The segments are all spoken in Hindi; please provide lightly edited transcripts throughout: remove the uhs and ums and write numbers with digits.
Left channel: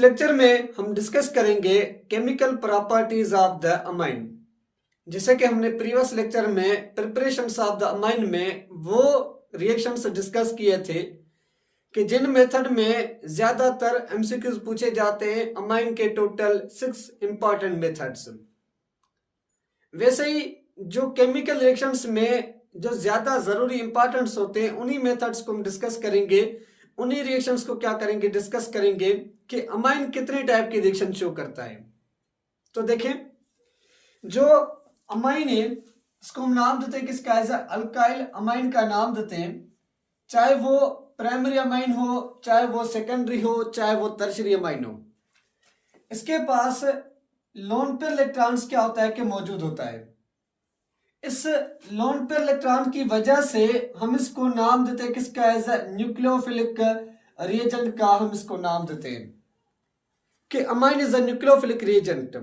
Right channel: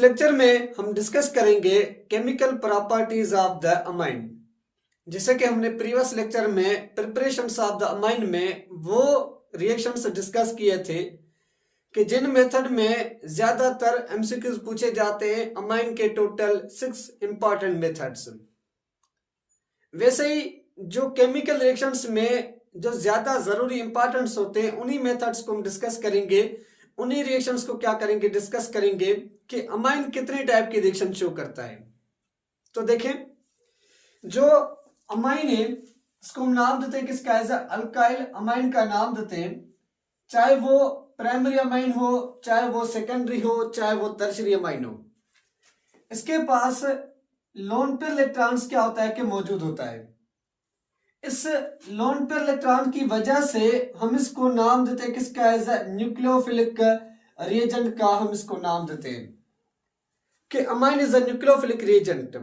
लेक्चर में हम डिस्कस करेंगे chemical properties of the amine. जैसे कि हमने प्रीवियस लेक्चर में प्रिपरेशंस ऑफ द अमाइन में वो रिएक्शंस डिस्कस किए थे कि जिन मेथड में ज्यादातर एमसीक्यूज पूछे जाते हैं अमाइन के टोटल 6 इंपॉर्टेंट मेथड्स। वैसे ही जो केमिकल रिएक्शंस में जो ज्यादा जरूरी इंपॉर्टेंस होते हैं उन्हीं मेथड्स को हम डिस्कस करेंगे, उन्हीं रिएक्शंस को क्या करेंगे डिस्कस करेंगे कि अमाइन कितने टाइप के रिएक्शन शो करता है। तो देखें, जो अमाइन है इसको हम नाम देते हैं किसका, एज अल्काइल अमाइन का नाम देते हैं, चाहे वो प्राइमरी अमाइन हो, चाहे वो सेकेंडरी हो, चाहे वो टर्शियरी अमाइन हो। इसके पास लोन पेयर इलेक्ट्रॉन्स क्या होता है कि मौजूद होता है। इस लोन पेयर इलेक्ट्रॉन की वजह से हम इसको नाम देते हैं किसका, एज न्यूक्लियोफिलिक रिएजेंट का हम इसको नाम देते हैं कि amine is a nucleophilic reagent.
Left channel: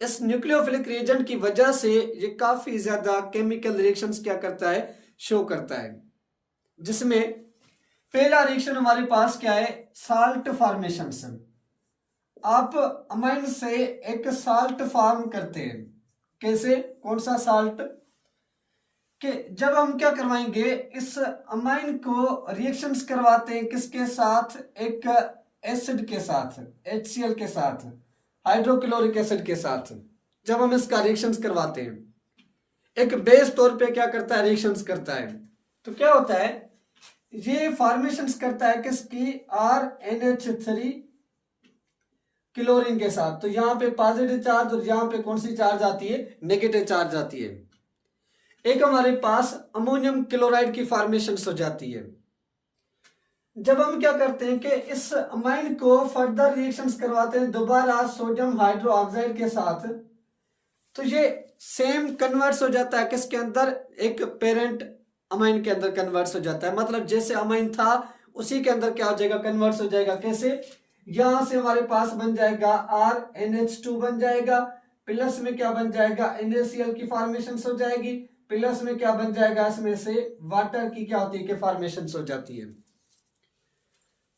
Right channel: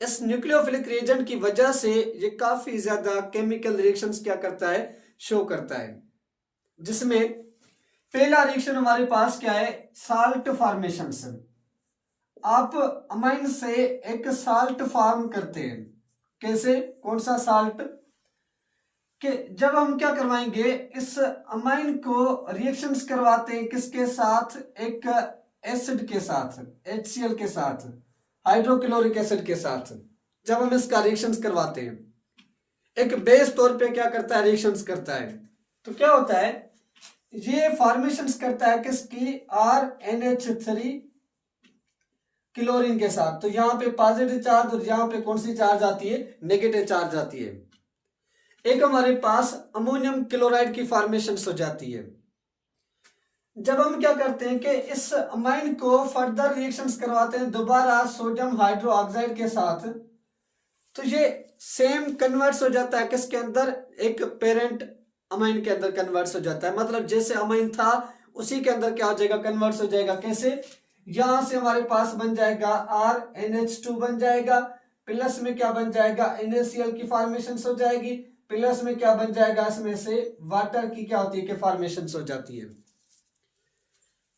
इस न्यूक्लियोफिलिक रिएजेंट की वजह से ये काफी ज्यादा केमिकल रिएक्शंस क्या करता है, शो करता है। जिसमें पहला रिएक्शन हमारे पास क्या है, साल्ट फॉर्मेशन से। आप अमाइन से एक साल्ट फॉर्म करते हैं। कैसे, कौन सा साल्ट, कि जब हम क्या करवाएंगे इस अमाइन को रिएक्शंस करवाते हैं किसके साथ, एक एसिड के साथ, HCl के साथ, हाइड्रोक्लोरिक एसिड के साथ। जब हम इसका रिएक्शंस करवाते हैं एक बेस तौर पे क्या करता है, रिएक्शंस करता है, तो क्या होता है ये फॉर्मेशंस करता है किसकी, RNH3 क्लोरीन के साथ। तो यहाँ पे पॉजिटिव चार्ज और यहाँ पे कौन सी चार्ज आती है, नेगेटिव चार्ज आती है। एक हमारे पास अमोनियम क्लोराइड की फॉर्मेशन हो जाती है। जब हम क्या करते हैं कि इस अमाइन को फर्दर रिएक्शंस करवाते हैं दोबारा सोडियम हाइड्रोक्साइड के साथ, तो ये सेम कन्वर्ट्स हो जाता है किसके अंदर, एक पेरेंट अमाइन के अंदर कन्वर्ट्स हो जाता है। मतलब जैसे अमाइन था उसी के अंदर क्या हो जाएगा, कन्वर्ट्स हो जाएगा। कैसे, यहां से हमारे पास बन जाएगा RNH2 बन जाएगा, प्लस में क्या बन जाएगा, NaCl की फॉर्मेशन हो जाएगी, प्लस में क्या बन जाएगा, इसमें से वाटर की क्या होती है कि फॉर्मेशन हो जाती है।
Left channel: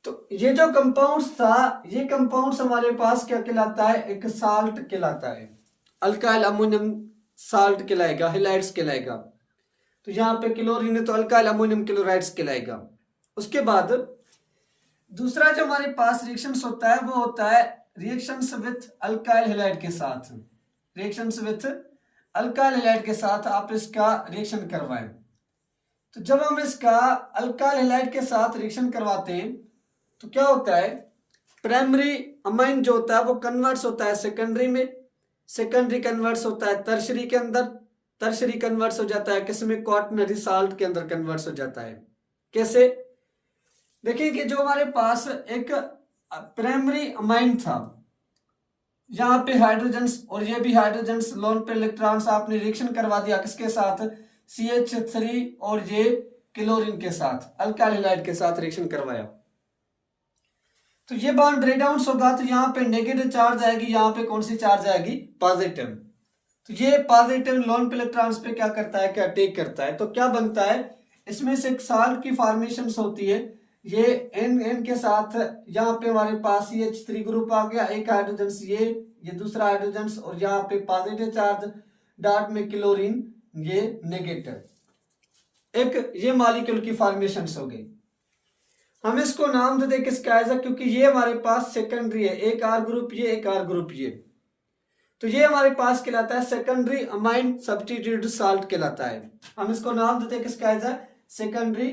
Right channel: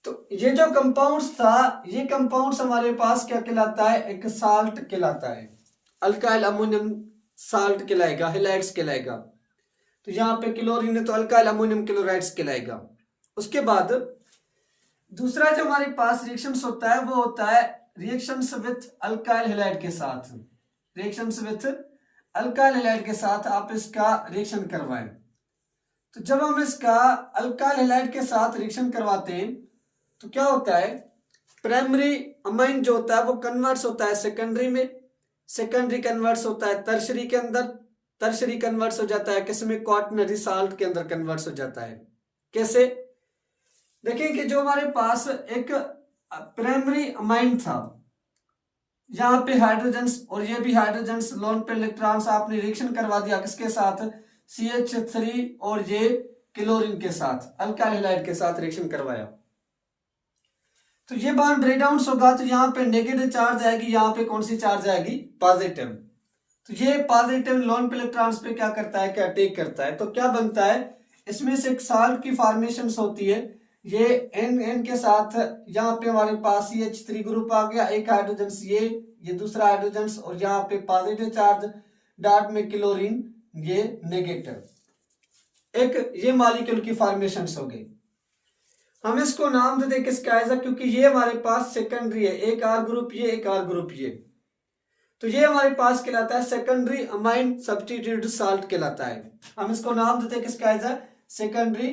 तो ये जो कंपाउंड्स था, ये कंपाउंड्स हमारे पास क्या कहलाता है, एक साल्ट कहलाता है। अल्काइल अमोनियम साल्ट कहलाएगा, हैलाइड्स कहलाएगा। तो यहाँ पे क्लोरीन है तो अल्काइल अमोनियम क्लोराइड्स कहलाएगा। उसके बाद दूसरा जो हमारे पास रिएक्शंस होता है वो होता है रिएक्शंस विथ अल्काइल हैलाइड के साथ। रिएक्शंस विथ अल्काइल हैलाइड के साथ आप इसका रिएक्शन करवाएं। तो जब हम इसका अल्काइल हैलाइड के साथ रिएक्शन करवाते हैं तो क्या होता है, प्राइमरी अमाइन जो होता है वो कन्वर्ट्स होता है सेकेंडरी में, सेकेंडरी कन्वर्ट्स होता है टर्शियरी के अंदर, टर्शियरी कन्वर्ट्स हो जाता है किसमें, क्वाaternary साल्ट के अंदर कन्वर्ट्स हो जाता है। कैसे, देखिए कि जो हमारे पास एक प्राइमरी अमाइन था, यहाँ पे हाइड्रोजन्स और ये भी हाइड्रोजन्स लोन पे इलेक्ट्रॉन्स आपने रिएक्शन करवा दिया किसके साथ, CH3 और ये क्लोरीन के साथ, अल्काइल हैलाइड के साथ रिएक्शन करवाया। तो ये बॉन्ड ब्रेकडाउन होगा तो यहाँ पे नेगेटिव चार्ज आएगी, यहाँ पे कौन सी चार्ज आएगी, पॉजिटिव। तो ये पॉजिटिव लोन पे इलेक्ट्रॉन्स पे क्या करता है, क्या अटैक करता है। तो क्या बनता है, इसमें से एक साल्ट की फॉर्मेशन होती है। ये N के साथ यहाँ पे हमारे पास CH3 ग्रुप आ गया, एक हाइड्रोजन ये दूसरा हाइड्रोजन, और यहाँ पे पॉजिटिव चार्ज डॉट में क्लोरीन, ये नेगेटिव। एक ये मॉलिक्यूल की फॉर्मेशन हो गई। हम इसको नाम देते किसका, ऐसा क्योंकि ये हमारे पास सेकेंडरी है, एक R ग्रुप ये, एक R ग्रुप ये। तो ये हमारे पास कहलाता है सेकेंडरी अमाइन सब्स्टिट्यूटेड साल्ट कहलाता है। हम इसको नाम देते हैं किसका, ऐसा सेकेंडरी,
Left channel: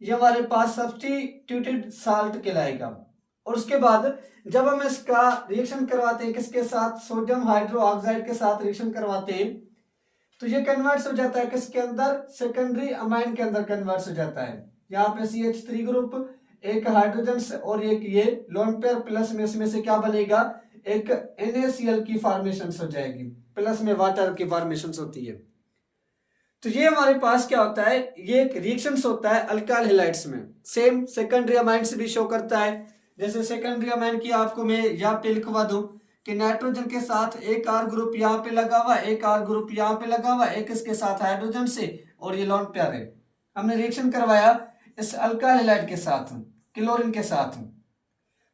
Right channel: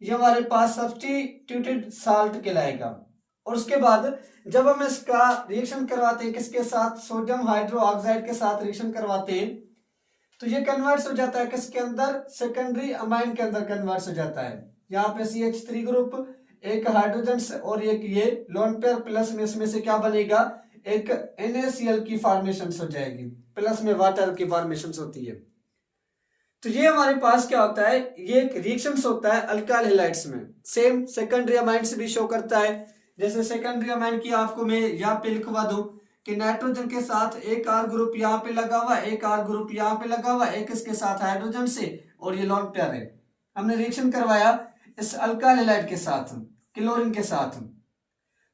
ये हमारे पास सब्स्टिट्यूटेड साल्ट कहलाएगा। और उसके बाद जब हम इसका रिएक्शन करवाते हैं किसके साथ, सोडियम हाइड्रोक्साइड के साथ रिएक्शन करवाते हैं तो ये कन्वर्ट्स हो जाता है किसके अंदर, सेकेंडरी अमाइन के अंदर कन्वर्ट्स हो जाता है। यहाँ पे CH3 ग्रुप, एक हाइड्रोजन और एक ये लोन पेयर, प्लस में इसमें से क्या बनेगा, एक NaCl की फॉर्मेशन हो जाएगी, प्लस में वाटर की फॉर्मेशन होती है। तो ये हमारे पास क्या होता है, ये एक रिएक्शन होता है अल्काइल हैलाइड्स में। सेम सेकेंडरी अमाइन से भी शो करता है। जैसे सेकेंडरी अमाइन की आपको मैं यहाँ पे लिखवा दूं कि नाइट्रोजन के साथ एक R ग्रुप यहाँ पे लगा हुआ, एक R ग्रुप यहाँ पे लगा हुआ, एक इसके साथ हाइड्रोजन से, और ये लोन पेयर है। हमने रिएक्शन करवाया इस अल्काइल हैलाइड के साथ, क्लोरीन के साथ।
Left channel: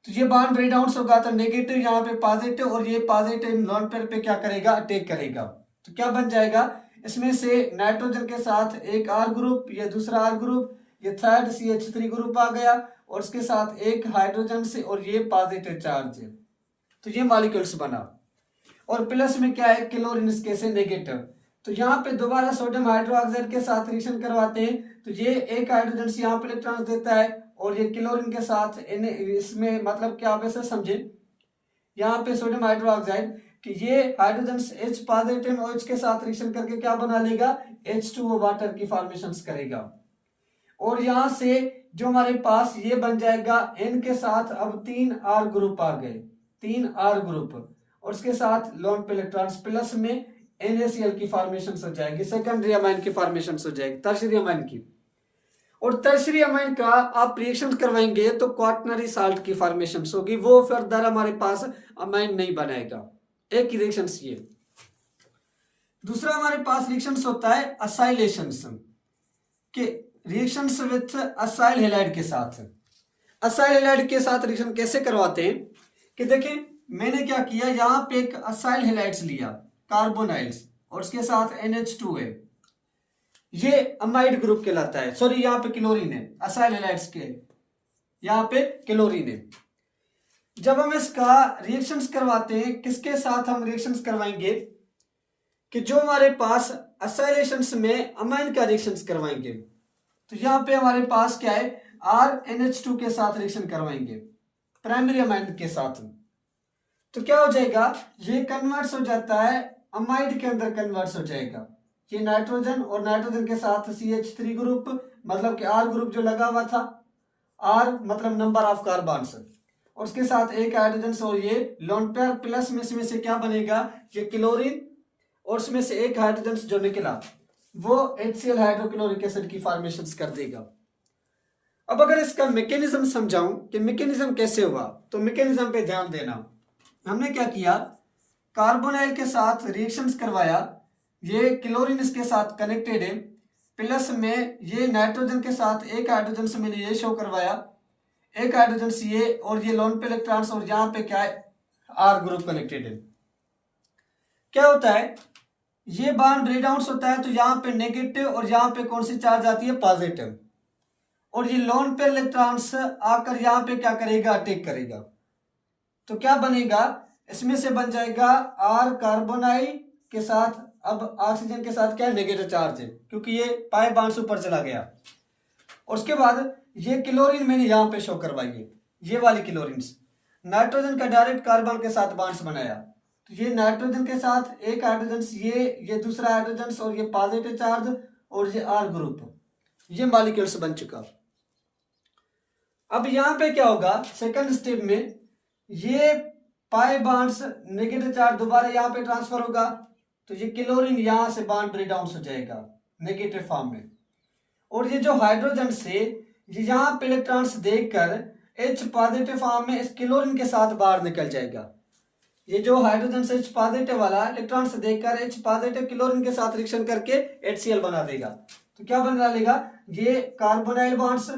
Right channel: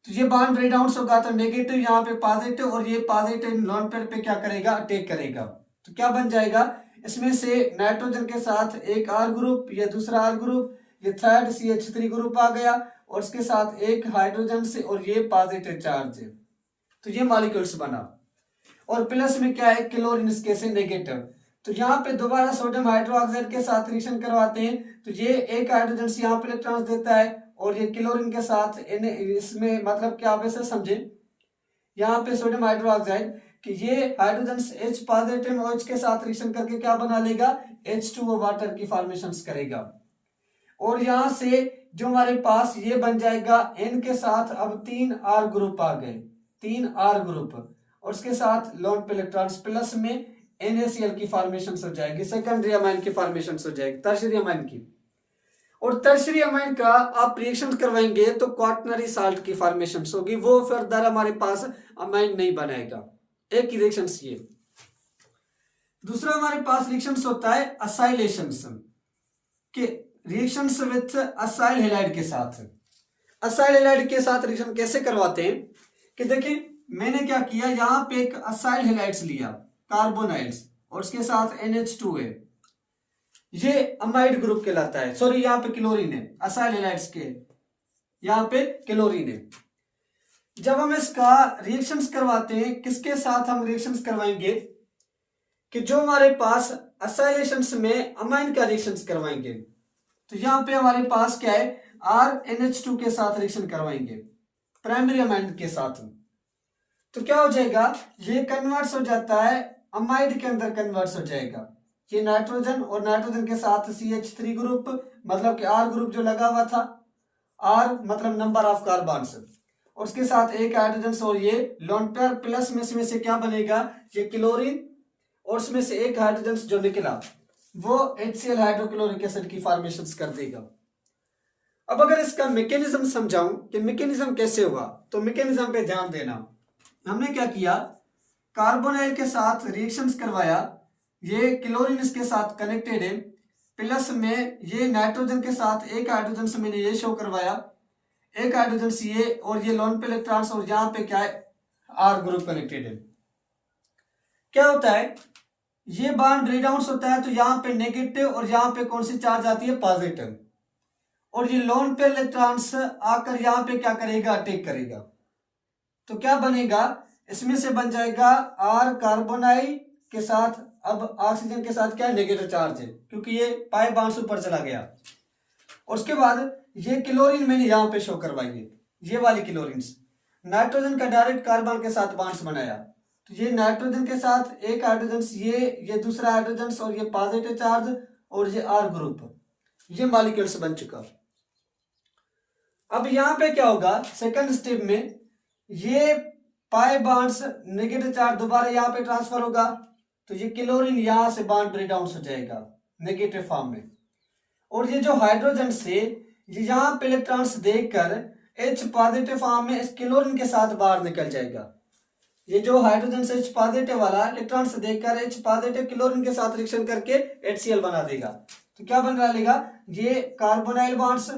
तो ये बॉन्ड ब्रेक डाउन होगा तो नेगेटिव यहाँ पे पॉजिटिव, और ये पॉजिटिव लोन पेयर पे क्या करेगा, अटैक करेगा। तो क्या बन जाएगा, इसमें से नाइट्रोजन के साथ एक आर ग्रुप, ये दूसरा आर ग्रुप, ये थर्ड CH3 ग्रुप आ गया, और उसके साथ एक हाइड्रोजन से, और ये पॉजिटिव चार्ज है। तो ये मॉलिक्यूल्स बना, और प्लस में क्या है, क्लोरीन इसके से नेगेटिव। तो यहाँ पे दोबारा सोडियम हाइड्रोक्साइड के साथ रिएक्शन करवाते हैं, तो ये एक हाइड्रोजन से यहाँ पे इलेक्ट्रॉन देता है, और ये क्लोरीन के साथ इसमें मतलब क्या आप ऐसे समझे, यहाँ पे सोडियम हाइड्रोक्साइड कि ये हाइड्रोजन H पॉजिटिव OH के साथ रिएक्शन करके क्या बना लेगा, H2O वाटर की फॉर्मेशन करेगा। और यहां से जो हमारे पास ये बन जाएगा N के साथ, अब 3 R ग्रुप आ गए, 3 R ग्रुप, और उसके साथ लोन पे इलेक्ट्रॉन्स प्लस में NaCl की फॉर्मेशन हो जाएगी, सेकेंडरी अमाइन की फॉर्मेशन हो जाएगी, टर्शियरी अमाइन की। और टर्शियरी अमाइन का आप रिएक्शन करवाएंगे तो क्वाटरनरी साल्ट की फॉर्मेशन होगी, वो फर्दर हमारे पास अमाइन नहीं बनाएगा। एक ही रिएक्शन ये। दूसरा हमारे पास रिएक्शन होता है असाइलेशन के, रिएक्शंस विथ असाइल हैलाइड के साथ। असाइल हैलाइड के साथ रिएक्शन कैसे करवाते हैं कि देखिए, मैंने क्या किया, यहां पे एक असाइल हैलाइड्स लिया, कार्बोनाइड्स, और उसके साथ NH2 है, ये अमाइड ग्रुप कहलाता है। सॉरी, यहाँ पे क्लोरीन है, असाइल हैलाइड्स के यहाँ पे क्लोरीन है। जब हम इसका रिएक्शंस करवाते हैं, किसके साथ हम रिएक्शंस करवाएंगे कि जो हमारे पास असाइलेशंस में अमाइन का रिएक्शंस करवाएंगे, तो यहाँ पे हमारे पास क्या है, RNH2 के साथ रिएक्शन करवाएंगे प्राइमरी अमाइन के साथ। तो क्या हो जाएगा, ये कन्वर्ट्स हो जाता है अमाइड के अंदर, कन्वर्ट्स हो जाएगा। ये नाइट्रोजन और नाइट्रोजन के साथ CH3 ग्रुप, मतलब कि R ग्रुप जो लगा हुआ था, R मतलब नंबर ऑफ कार्बन्स, और उसके साथ एक हाइड्रोजन, और ये लोन पेयर प्लस में से क्या बनेगा, ये क्लोरीन, और उसमें से एक हाइड्रोजन जो निकला वो HCl हाइड्रोक्लोरिक एसिड की फॉर्मेशन कर देगा। अब अगर इसका मैकेनिज्म समझाऊं कि मैकेनिज्म कैसे हुआ, तो मैकेनिज्म पे ध्यान देना। हमने क्या किया, कार्बोनाइल के साथ रिएक्शंस करवाया, ये क्लोरीन इसके साथ कनेक्टेड है, प्लस में ये नाइट्रोजन के साथ एक हाइड्रोजन से मैंने ये शो करवाया, एक हाइड्रोजन से ये, और ये लोन पे इलेक्ट्रॉन्स, और यहाँ पे क्या है, R ग्रुप कनेक्टेड है। क्या होता है, ये बॉन्ड ब्रेक डाउन होता है, तो यहाँ पे नेगेटिव, और यहाँ पे कौन सी चार्ज आती है, पॉजिटिव, और ये लोन पे इलेक्ट्रॉन्स आकर यहाँ पे क्या करेगा, अटैक करेगा। तो क्या बनेगा, इसमें से बन जाएगा R कार्बोनाइल के साथ, अब ऑक्सीजन के साथ क्या है, नेगेटिव चार्ज है, क्योंकि ये पाई बॉन्ड ऊपर चला गया। और उसके बाद ये क्लोरीन मैंने यहाँ पे शो करवाई है, ये वाली क्लोरीन, नाइट्रोजन का डायरेक्ट कार्बन के साथ बॉन्ड्स बनाया, तो ये नाइट्रोजन के साथ एक हाइड्रोजन, ये दूसरा हाइड्रोजन, और ये पॉजिटिव चार्ज, और ये R ग्रुप, ये मॉलिक्यूल्स बन चुका। अब यहाँ पे क्या होगा, सेकंड स्टेप में ये पाई बॉन्ड्स नेगेटिव चार्ज दोबारा यहाँ पे ट्रांसफर होगा, तो ये क्लोरीन यहाँ से बॉन्ड ब्रेक डाउन हो जाएगा नेगेटिव फॉर्म में, और ये जो हाइड्रोजन से ये यहाँ पे इलेक्ट्रॉन्स देकर H पॉजिटिव फॉर्म में इस क्लोरीन के साथ बाहर निकल जाएगा। ये जो हाइड्रोजन से H पॉजिटिव वाला इलेक्ट्रॉन से देकर H पॉजिटिव क्लोरीन के साथ रिएक्शन करके HCl बना देगा। तो क्या बना लेगा, ये कार्बोनाइल बॉन्ड्स,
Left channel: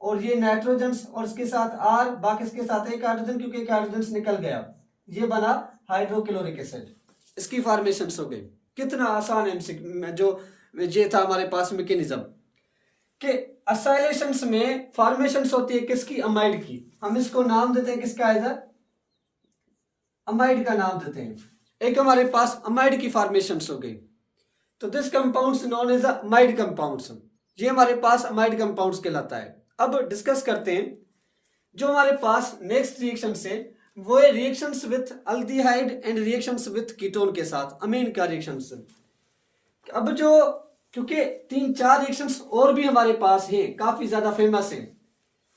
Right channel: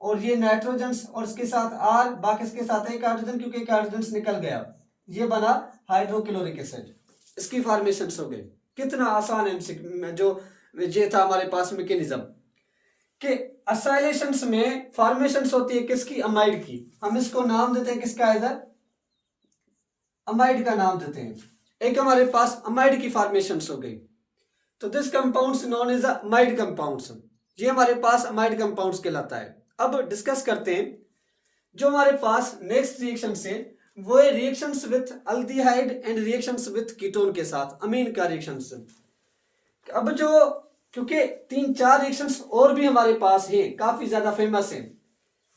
और ये नाइट्रोजन, और इसके साथ R, बाकी इसके साथ एक हाइड्रोजन, क्योंकि एक हाइड्रोजन निकल गया, ये बना हाइड्रोक्लोरिक एसिड। इसकी फॉर्मेशन हो गई। कितना आसान है, जो ये था हमारे पास मैकेनिज्म कि असाइलेशंस में फॉर्मेशंस होती है किसकी, अमाइड की। हम इसको नाम देते हैं किसका, इधर अमाइड का नाम देते हैं। एक हमारे पास अमाइड की फॉर्मेशन हो गई, तो this compounds known as amide compounds, ये हमारे पास अमाइड कंपाउंड्स कहलाता है। अब डिस्कस करते हैं जो हमारे पास नेक्स्ट रिएक्शन है, वो है reactions with aldehyde and reactions with ketone के साथ अमीन का रिएक्शंस। अब जो क्योंकि 3-4 रिएक्शंस और भी हमारे पास है, काफी ज्यादा फेमस है,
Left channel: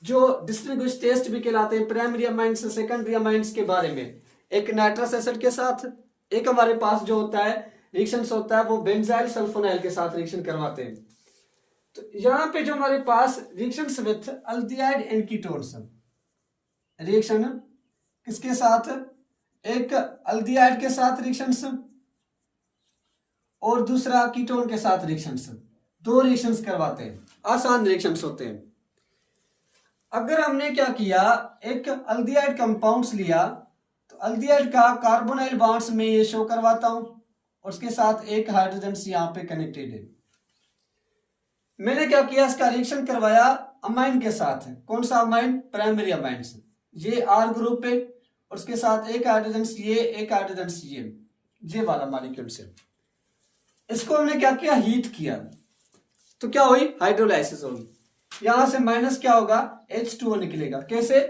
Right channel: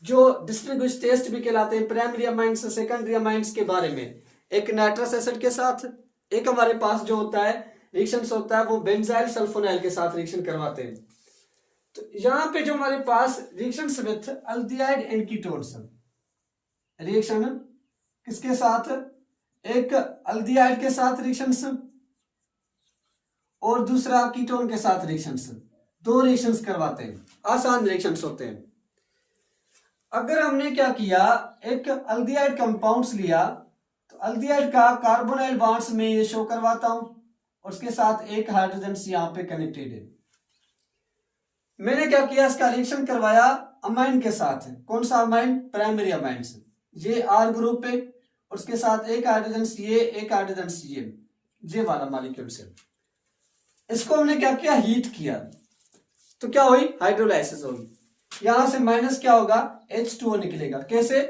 जो डिस्टिंग्विश टेस्ट भी कहलाते हैं, प्राइमरी अमाइंस सेकेंडरी अमाइंस के बारे में। एक नाइट्रस एसिड के साथ, एक हमारे पास जो होता है रिएक्शन होता है वो बेंजाइल सल्फोनाइल के साथ रिएक्शन करवाते हैं। तो यहाँ पे जो हमारे पास reactions with aldehyde and ketones, reaction किसके साथ, एक अल्डिहाइड के साथ रिएक्शंस और दूसरा कीटोन के साथ रिएक्शंस, 2 रिएक्शंस करवाते हैं, आसान रिएक्शंस होते हैं। अगर हमने क्या किया, एक अल्डिहाइड कंपाउंड्स लिया, तो अल्डिहाइड का कार्बोनाइल बॉन्ड्स में ये शो करवाता हूं और उसके साथ एक हाइड्रोजन यहाँ पे कनेक्टेड है। मैंने क्या किया, इसका रिएक्शन करवाया अमाइन के साथ। कौन सा अमाइन? प्राइमरी अमाइन से। ये आर ग्रुप है और उसके साथ एक हाइड्रोजन ये, एक हाइड्रोजन ये वाला मॉलिक्यूल से। इसको हमने क्या किया, हीट किया, तो क्या हुई, हाइड्रोलाइसिस होगी। यहां से माइनस क्या होगा, H2O निकलेगा। कैसे?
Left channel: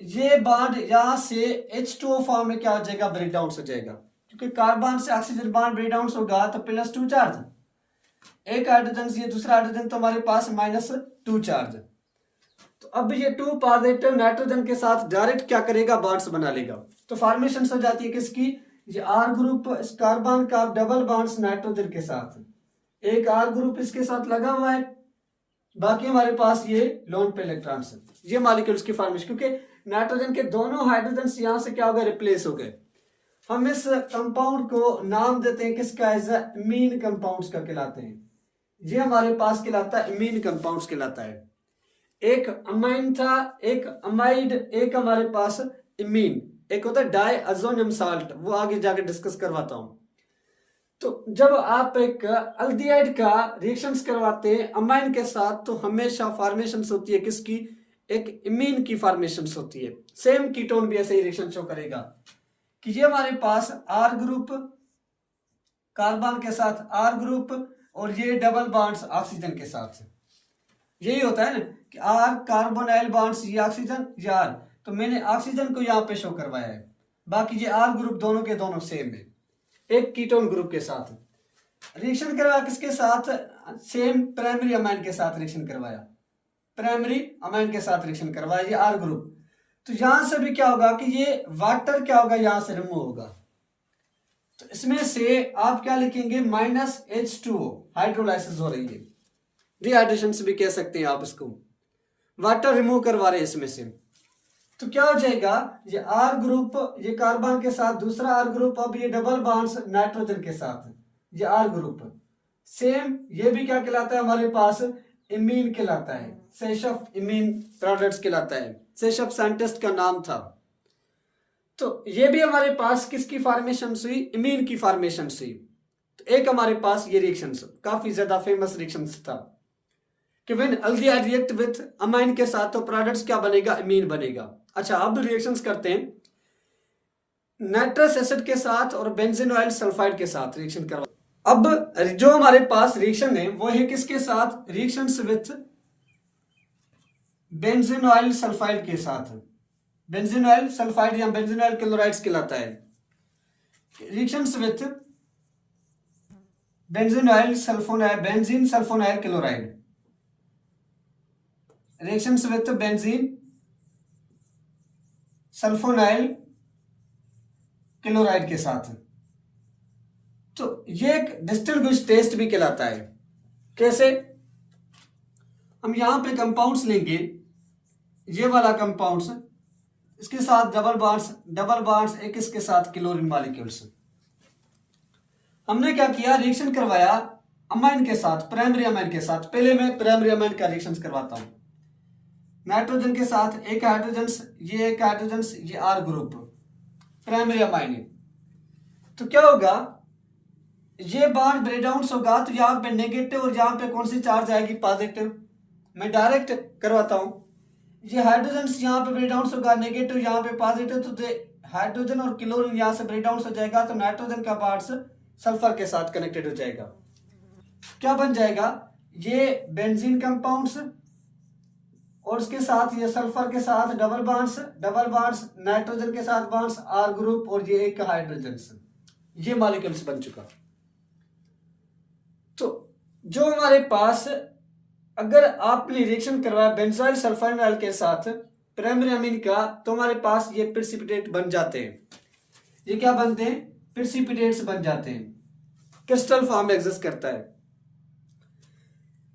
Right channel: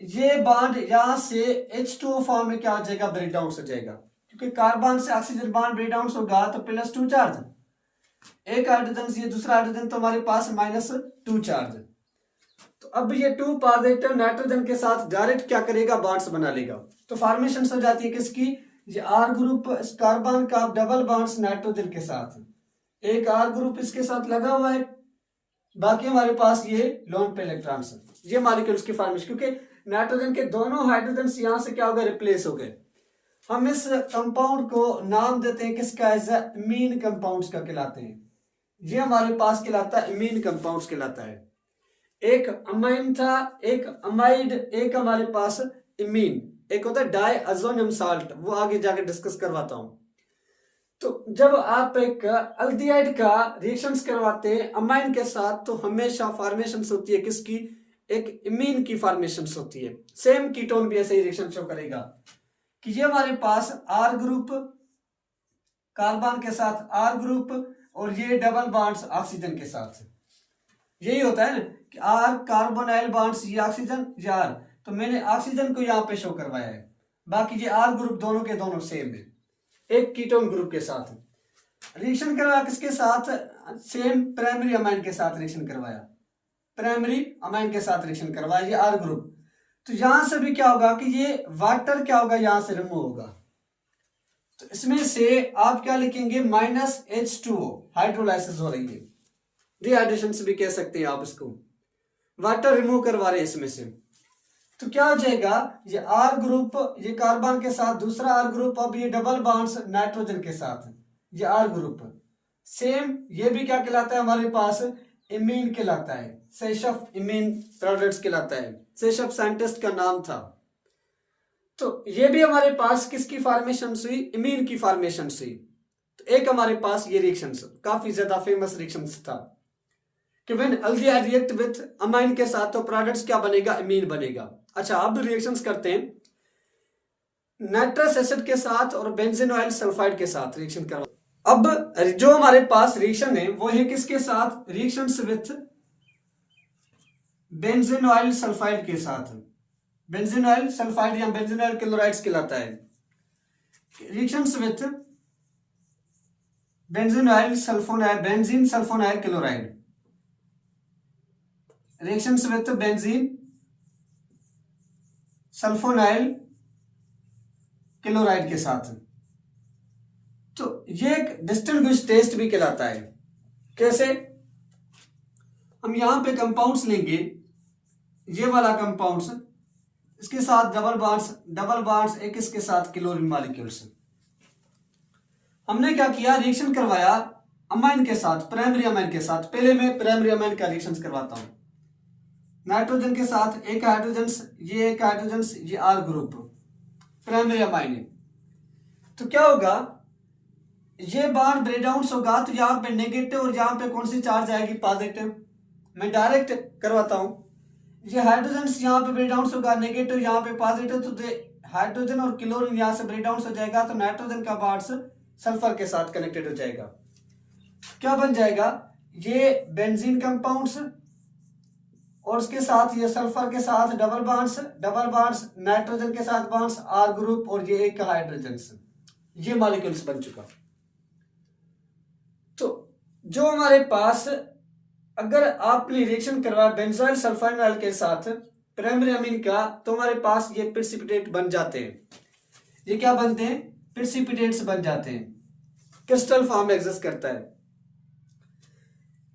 ये बॉन्ड यहां से H2O फॉर्म में क्या हो जाएगा, ब्रेक डाउन हो जाएगा, क्योंकि कार्बन से ऑक्सीजन बॉन्ड ब्रेक डाउन होगा तो +2 चार्ज, एक हाइड्रोजन ये दूसरा हाइड्रोजन तो हमारे पास -2 चार्ज। तो अब ये 2 पॉजिटिव नाइट्रोजन के साथ डायरेक्ट क्या करेगा, बॉन्ड्स बना लेगा। तो फॉर्मेशन हो जाती है किसकी, ये आर ग्रुप इस कार्बन का डबल बॉन्ड्स नाइट्रोजन के साथ, एक आर ग्रुप इसके साथ लगा हुआ है, बाकी हमारे पास ये लोन पे इलेक्ट्रॉन्स है। ये मॉलिक्यूल्स की फॉर्मेशन, क्योंकि नाइट्रोजन के दोनों हाइड्रोजन यहां से क्या हो गए, रिप्लेस हो गए। हम इस कंपाउंड को नाम देते हैं किसका, एज इमीन कंपाउंड्स का कहलाते हैं। ये हमारे पास कहलाता है इमीन कंपाउंड्स कहलाता है। एक अमाइन था, एक अमाइड, एक हमारे पास इमीन, एक होता है डाइअज़ोनियम साल्ट, वो आगे जाकर डिस्कस करवाता हूं। तो जब आप एक अल्डिहाइड का रिएक्शंस करवाते हैं अमाइन के साथ, तो हमेशा फॉर्मेशन होती है किसकी, एक इमीन की फॉर्मेशन होती है। सेम कीटोन भी ऐसे ही रिएक्शन शो करेगा कि ये हमारे पास आर ग्रुप कार्बन के साथ आर ग्रुप और ये डबल बॉन्ड्स ऑक्सीजन के साथ। यही होता है ना कि आर कार्बोनाइल बॉन्ड्स, ये ऑक्सीजन ये आर, तो मैंने ऑक्सीजन को यहाँ पे शो करवाया है, बाकी ये आर ग्रुप दोनों के दोनों सेम है, एक कीटोन ग्रुप के साथ। रिएक्शन करवाया किसके साथ, सेम प्राइमरी अमाइन के साथ रिएक्शन करवाया, प्राइमरी अमाइन के साथ रिएक्शन करवाया, ये आर ग्रुप। तो यहां से भी क्या होगा कि ये वाटर क्या होगा, यहां से रिमूव होगा, तो इसमें से आप क्या लिखेंगे, -H2O, हाइड्रोलाइसिस हो रही है, डिहाइड्रेशन से भी कह सकते हैं आप इसको, वाटर रिमूव करवा रहे हैं इसमें से। तो क्या हो जाएगा, ये आर ग्रुप ये कार्बन के साथ दूसरा आर ग्रुप, अब ये डबल बॉन्ड्स नाइट्रोजन के साथ, ये आर ग्रुप सेम, ये भी क्या कहलाता है हमारे पास, इमीन कहलाता है, सेशफ इमीन प्रोडक्ट्स कहलाता है, सेशफ साइंटिस्ट का नाम था। तो ये भी हमारे पास किसकी फॉर्मेशन हुई, इमीन की फॉर्मेशन हुई। तो एक हमारे पास ये रिएक्शन काफी ज्यादा फेमस रिएक्शन था कि when aldehyde react with amine के साथ तो प्रोडक्ट्स क्या बनेगा, इमीन बनेगा। अच्छा, अब रिएक्शंस करते हैं नाइट्रस एसिड के साथ और बेंजीन ऑयल सल्फाइड के साथ रिएक्शन करवा। अब जो हमारे पास रिएक्शन है वो है किसके साथ, reactions with benzene oil sulphide के साथ, बेंजीन ऑयल सल्फाइड या बेंजीन ऑयल क्लोराइड्स कहलाता है। Reactions with benzene oil sulphonide, benzene sulphonide chloride, reactions with benzene sulphonyl chloride के साथ। तो ये एक डिस्टिंग्विश टेस्ट भी कहलाता है। कैसे, हम यहां पे कंपाउंड्स लेंगे, ये वाला कंपाउंड्स, इसके साथ डबल बॉन्ड्स एक इसके साथ क्लोरीन मॉलिक्यूल्स। हमने क्या किया, रिएक्शन करवाया अमाइन के साथ, प्राइमरी अमाइन के साथ। पहले मैं प्राइमरी अमाइन का रिएक्शन करवाता हूं, नाइट्रोजन के साथ एक हाइड्रोजन, ये एक हाइड्रोजन, ये आर ग्रुप प्राइमरी अमाइन है। तो क्या होगा, ये बॉन्ड ब्रेक डाउन होगा, तो यहां पे नेगेटिव और यहां पे कौन सी चार्ज आएगी, पॉजिटिव। मैं डायरेक्ट करवाता हूं, ये हाइड्रोजन यहां पे ब्रेक डाउन होगा, नेगेटिव यहां पे पॉजिटिव, तो हाइड्रोजन और क्लोरीन यहां से ब्रेक डाउन हो जाएगा, तो नाइट्रोजन का बॉन्ड्स सल्फर के साथ कनेक्टेड हो जाएगा। क्या बन जाएगा, ये बेंजीन कंपाउंड्स और उसके साथ ये सल्फर के साथ डबल बॉन्ड्स नाइट्रोजन के साथ बॉन्ड्स आर ग्रुप और ये एक हाइड्रोजन, ये मॉलिक्यूल्स बन चुका। तो जो हमारे पास अगर आपने रिएक्शन करवाया बेंजाइल सल्फोनाइल के साथ प्राइमरी अमीन का, तो हमारे पास ये प्रेसिपिटेट बन जाते हैं। ये क्या बनते हैं, प्रेसिपिटेट्स बन जाते हैं, क्रिस्टल फॉर्म में एग्जिस्ट करता है।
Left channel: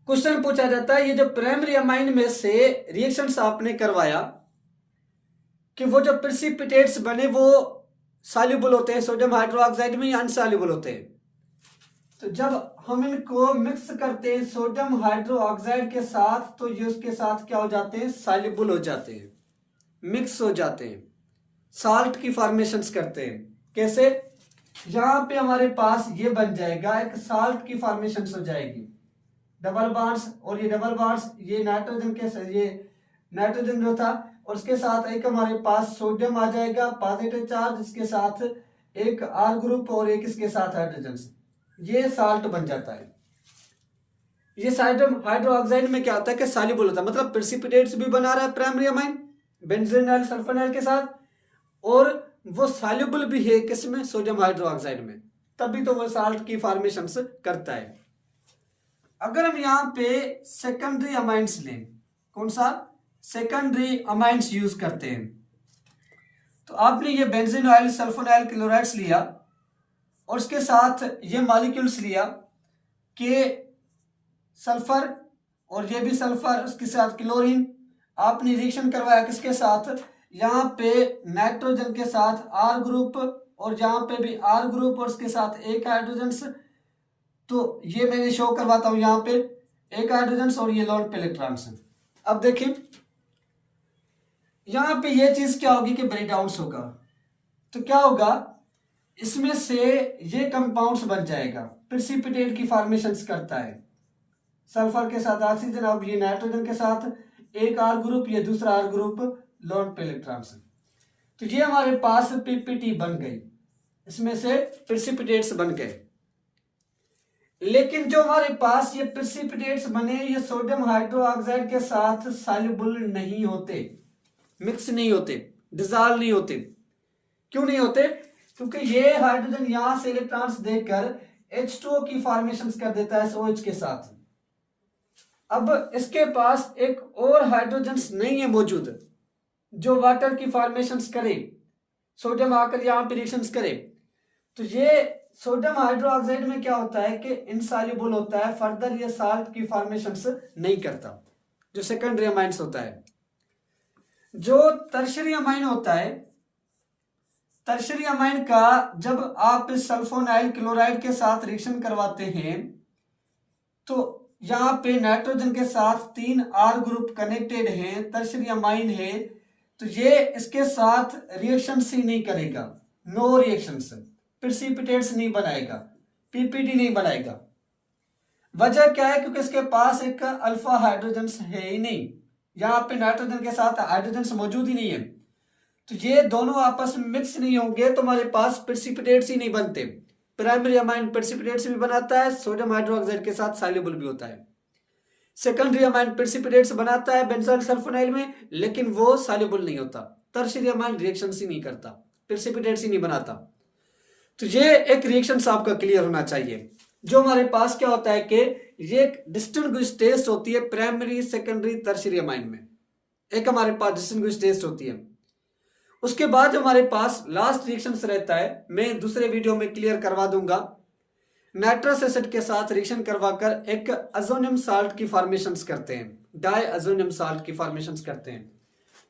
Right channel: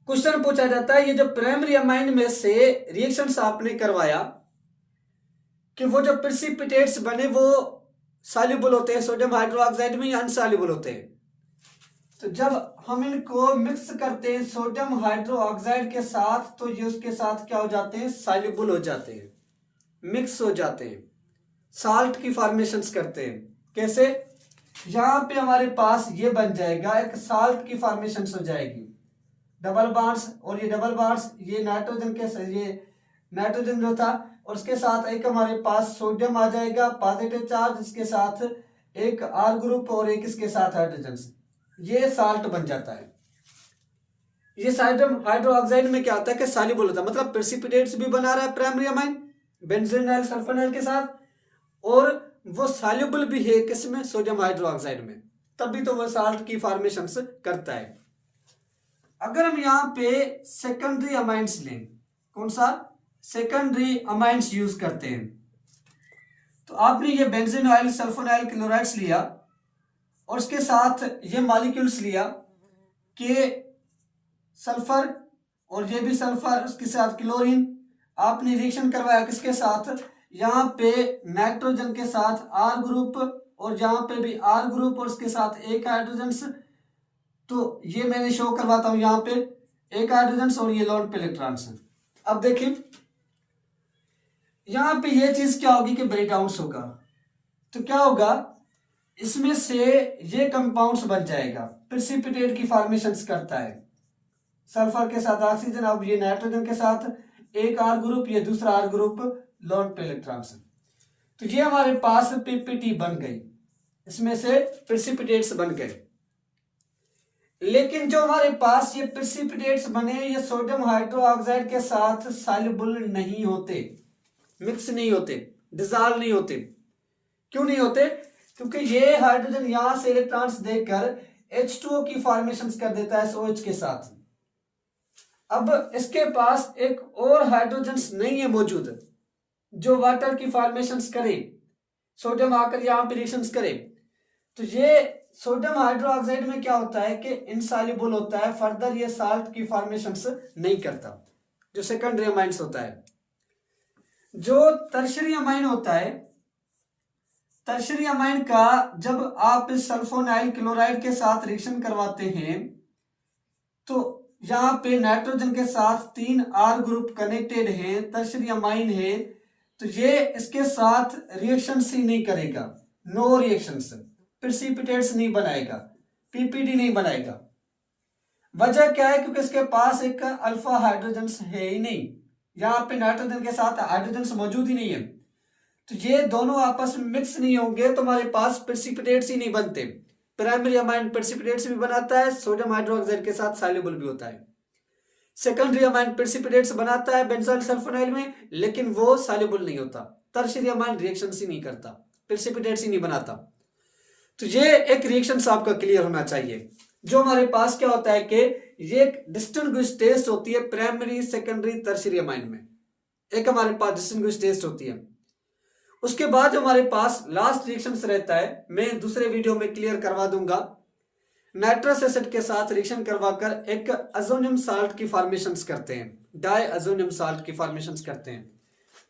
क्वेश्चन पूछा जाता है, ये जो प्राइमरी अमाइन में से रिएक्शंस आपने करवाया कि वो जो प्रेसिपिटेट्स बने वो सॉल्युबल होते हैं सोडियम हाइड्रोक्साइड में या अनसॉल्युबल होते हैं। तो जब हम इनको मिक्स करते हैं सोडियम हाइड्रोक्साइड के साथ तो ये उसके साथ क्या हो जाते हैं, सॉल्युबल हो जाते हैं, मिक्स हो जाते हैं, साल्ट की फॉर्मेशंस करते हैं। कैसे? यहां पे हमारे पास ये बन जाएगा, एक साल्ट की फॉर्मेशंस हो जाएगी, डबल बॉन्ड्स, और ये डबल बॉन्ड्स ये नाइट्रोजन जो था, और उसके साथ एक हमारे पास सोडियम आ जाएगा पॉजिटिव चार्ज, इसके साथ एक आर ग्रुप और एक इसके साथ हाइड्रोजन, ये साल्ट बन जाता है। ये सोडियम हाइड्रोक्साइड में क्या होता है कि सॉल्युबल होता है, मतलब प्रेसिपिटेट्स भी बना रहा है प्राइमरी अमाइन बेंजीन सल्फोनाइल के साथ, और वो सॉल्युबल भी है किसमें, सोडियम हाइड्रोक्साइड में, तभी तो वो साल्ट की फॉर्मेशन करता है। अगर हम यहाँ पे सेकेंडरी अमाइंस लें, कौन सा, सेकेंडरी अमाइंस यूज करते हैं, तो आपने ये बेंजीन ऑयल सल्फोनाइल क्लोराइड्स लिया और उसके साथ ये मॉलिक्यूल्स लिया कि सल्फर, और ये भी सल्फर, उसके साथ क्लोरीन, आपने रिएक्शन करवाया किसके साथ, यहाँ पे नाइट्रोजन के साथ आर ग्रुप, और यहाँ पे भी आर ग्रुप और उसके साथ एक हाइड्रोजन। तो ये मैं शो करवाता हूं, यहाँ पे एक हाइड्रोजन और ये लोन पे इलेक्ट्रॉन्स हैं। अब देखिए यहाँ पे ये चीज क्या होगी कि ब्रेक डाउन होगा, तो क्या होगा, इसमें से ये कंपाउंड्स बन जाएगा, प्रेसिपिटेट की फॉर्मेशंस करता है, सल्फर के साथ ऑक्सीजन, अब ये नाइट्रोजन के साथ एक आर ग्रुप, ये दूसरा आर ग्रुप, लोन पे इलेक्ट्रॉन्स। तो ये हमारे पास पीपीटी बन गई, इसमें से प्रेसिपिटेट्स बन गए। लेकिन जो हमारे पास ये प्रेसिपिटेट्स बने, ये सोडियम हाइड्रोक्साइड के साथ सॉल्युबल नहीं होते, मिक्स नहीं होते, डिसॉल्व नहीं होते। क्यों नहीं होते? क्योंकि ये हाइड्रोजन यहां से इलेक्ट्रॉन्स देकर H2O की फॉर्मेशन कर देता है OH के साथ। अब इसके पास एक और हाइड्रोजन नहीं है मौजूद जो वाटर की फॉर्मेशन करे, सोडियम आकर यहां पे रिएक्शंस करे। तो ये सोडियम हाइड्रोक्साइड में क्या होता है कि इनसॉल्युबल होता है, फर्दर ये साल्ट की फॉर्मेशंस नहीं करता, जो सेकेंडरी अमाइंस होता है। जो टर्शियरी अमाइन होता है, टर्शियरी अमाइन का जब आप सल्फोनाइल क्लोराइड के साथ रिएक्शन करवाते हैं तो यहाँ पे नाइट्रोजन के साथ 3 आर ग्रुप कनेक्टेड है, टर्शियरी अमाइन है, तो ये इसके साथ रिएक्शंस ही नहीं करेगा, नो रिएक्शंस, प्रेसिपिटेट्स नहीं बनाएगा, पीपीटी नहीं बनाएगा। वजह क्या है? क्योंकि इसके पास एक अल्फा हाइड्रोजन है ही नहीं, यहाँ पे नाइट्रोजन के साथ हाइड्रोजन मौजूद ही नहीं है, तो ये दोनों आपस में मिक्स नहीं होंगे, तो हमारे पास प्रेसिपिटेट्स ही नहीं बनते। प्राइमरी अमाइन प्रेसिपिटेट्स भी बनाता है, सोडियम हाइड्रोक्साइड के साथ सॉल्युबल भी होता है। सेकेंडरी अमाइन प्रेसिपिटेट्स बनाता है बेंजीन सल्फोनाइल में, लेकिन वो सॉल्युबल नहीं होता। टर्शियरी अमाइन रिएक्शंस ही नहीं करता, प्रेसिपिटेट्स ही नहीं बनाता। तो ये एक रिएक्शन आपका क्लियर होना चाहिए। जो हमारे पास क्या होता है कि ये एक डिस्टिंग्विश टेस्ट होती है प्राइमरी, सेकेंडरी, टर्शियरी अमाइन में, एक हमारे पास डिस्टिंग्विश टेस्ट होती है। उसके बाद हमारे पास लास्ट रिएक्शन रहता है, मैं दूसरे वीडियो में क्लियर करवा दूंगा, नाइट्रस एसिड के साथ रिएक्शन करवाकर एक अजोनियम साल्ट की फॉर्मेशंस करते हैं, डाई अजोनियम साल्ट की फॉर्मेशंस करते हैं।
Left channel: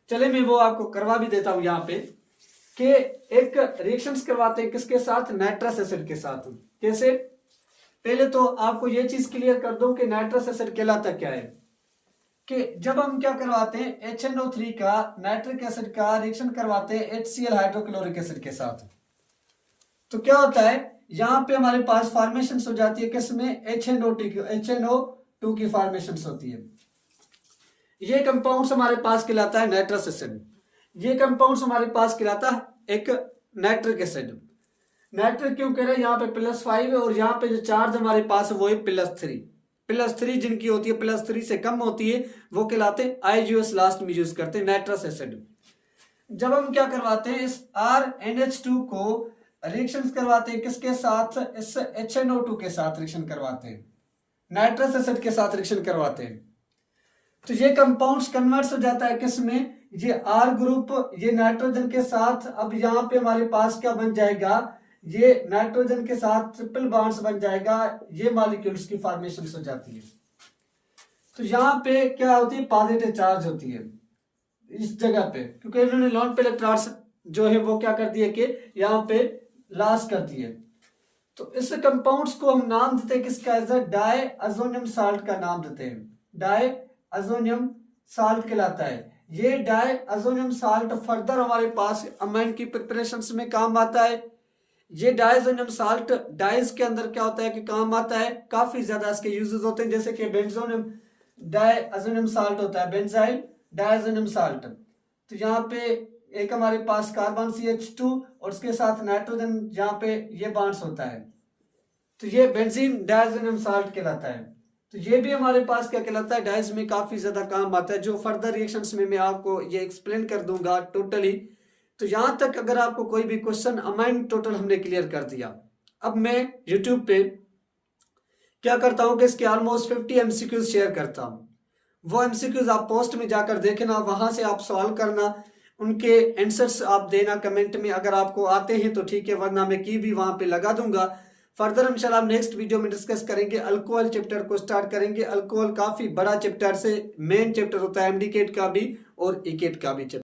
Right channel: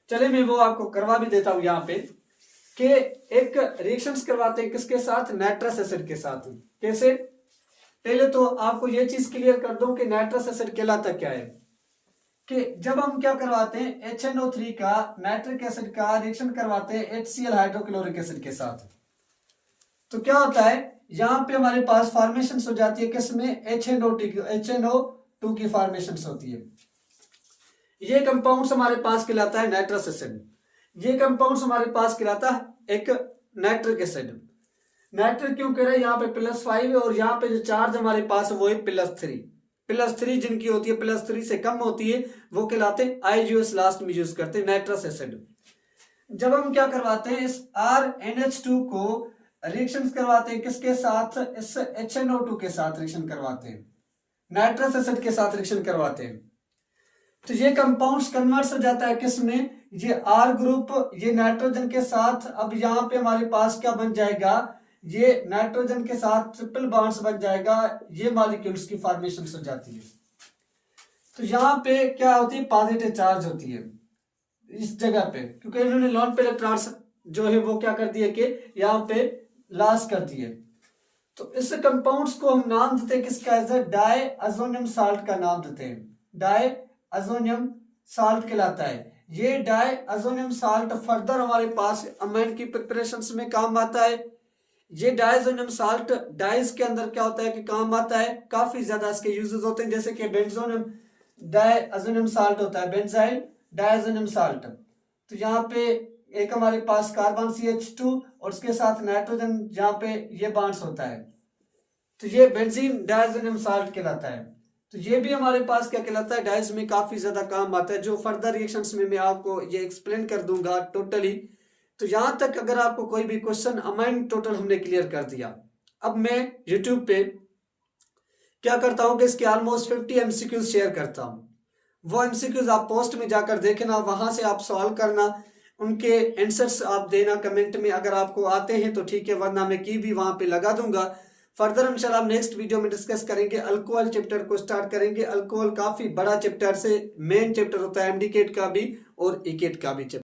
चले मैं वो आपको करवा भी देता हूं यहाँ पे कि एक रिएक्शंस करवाते हैं किसके साथ, नाइट्रस एसिड के साथ। कैसे? पहले तो आपको ये चीज क्लियर कर दूं कि नाइट्रस एसिड कहलाता क्या है, कि जब हम क्या करवाते हैं HNO3 का नाइट्रिक एसिड का रिएक्शन करवाते हैं HCl हाइड्रोक्लोरिक एसिड के साथ, तो क्या होता है यहाँ पे हमारे पास फॉर्मेशन हो जाती है किसमें, HNO2 की फॉर्मेशन होती है। ये कंपाउंड हमारे पास कहलाता है नाइट्रस एसिड, ये कंपाउंड हमारे पास कहलाता है एक नाइट्रिक एसिड। नाइट्रिक क्यों कह रहे हैं, यहाँ पे +5 है और यहाँ पे जो चार्ज हमारे पास है वो है +3 जिनकी होती है +3 से कम होती है वो कहलाते हैं IgOS, लास्ट में यूज करते हैं नाइट्रस एसिड। जब हम क्या करवाते हैं इस RNH2 को रिएक्शन करवाते हैं किसके साथ, इस HNO2 के साथ रिएक्शन करवाते हैं, नाइट्रस एसिड के साथ रिएक्शन करवाते हैं, तो ये कंपाउंड्स कन्वर्ट हो जाता है किसमें, ये R ग्रुप, ये नाइट्रोजन के साथ। अब यहाँ पे हमारे पास क्या बन जाएगा, ये नाइट्रोजन के साथ ट्रिपल बॉन्ड्स बन जाएगा, ये मॉलिक्यूल्स की फॉर्मेशन हो जाती है। तो यहाँ पे क्या होती है, पॉजिटिव चार्ज होती है इस जगह पे, क्योंकि इन्होंने नॉन पे इलेक्ट्रॉन्स जो है वो क्या कर दिए कि यहाँ पे लॉस कर दिए। तो इस कंपाउंड्स को हम नाम देते हैं किसका, एज डाईअज़ोनियम साल्ट का नाम देते हैं, डाईअज़ोनियम साल्ट कहलाता है। ये डाईअज़ोनियम साल्ट फर्दर हमारे पास अमाइन की प्रिपरेशंस में काम आता है। ये डाईअज़ोनियम साल्ट डाइज के अंदर क्या होता है कि काम आता है, काफी ज्यादा इसके यूजेस होते हैं, जैसे कि बेंजोनियम डाईअज़ोनियम साल्ट होता है, बेंजाइल डाईअज़ोनियम साल्ट। तो यहाँ पे एक हमारे पास कार्बन CH2 और उसके साथ नाइट्रोजन जहाँ पे ये बॉन्ड्स होता है, तो ये बेंजीन डाईअज़ोनियम साल्ट कहलाता है। तो ये भी हमारे पास क्या कहलाता है, डाइज में काफी ज्यादा काम आता है, जो फर्दर रिएक्शंस में मैं आपको ये एक्सप्लेन कर दूंगा टोटली। तो यहां तक अगर आपको कोई भी क्वेश्चन अमाइन टोटल हमने क्लियर कर दिया। अब मैं यूट्यूब पे क्या करता हूं कि इसके ऑलमोस्ट 50 MCQs शेयर करता हूं। वो MCQs आप पोस्ट में जाकर देखना, वहां से आप सवाल करना, उनके आंसर्स आप देना कमेंट में। अगर आपको आते हैं तो ठीक है, वरना मैं की भी वहां पे लगा दूंगा। फर्दर इंशाल्लाह हम नेक्स्ट वीडियो में डिस्कस करेंगे, अल्कोहल चैप्टर को स्टार्ट करेंगे। अल्कोहल काफी बड़ा चैप्टर से मेन चैप्टर होता है, एमडीकेट का भी और इकेट का भी चैप्टर।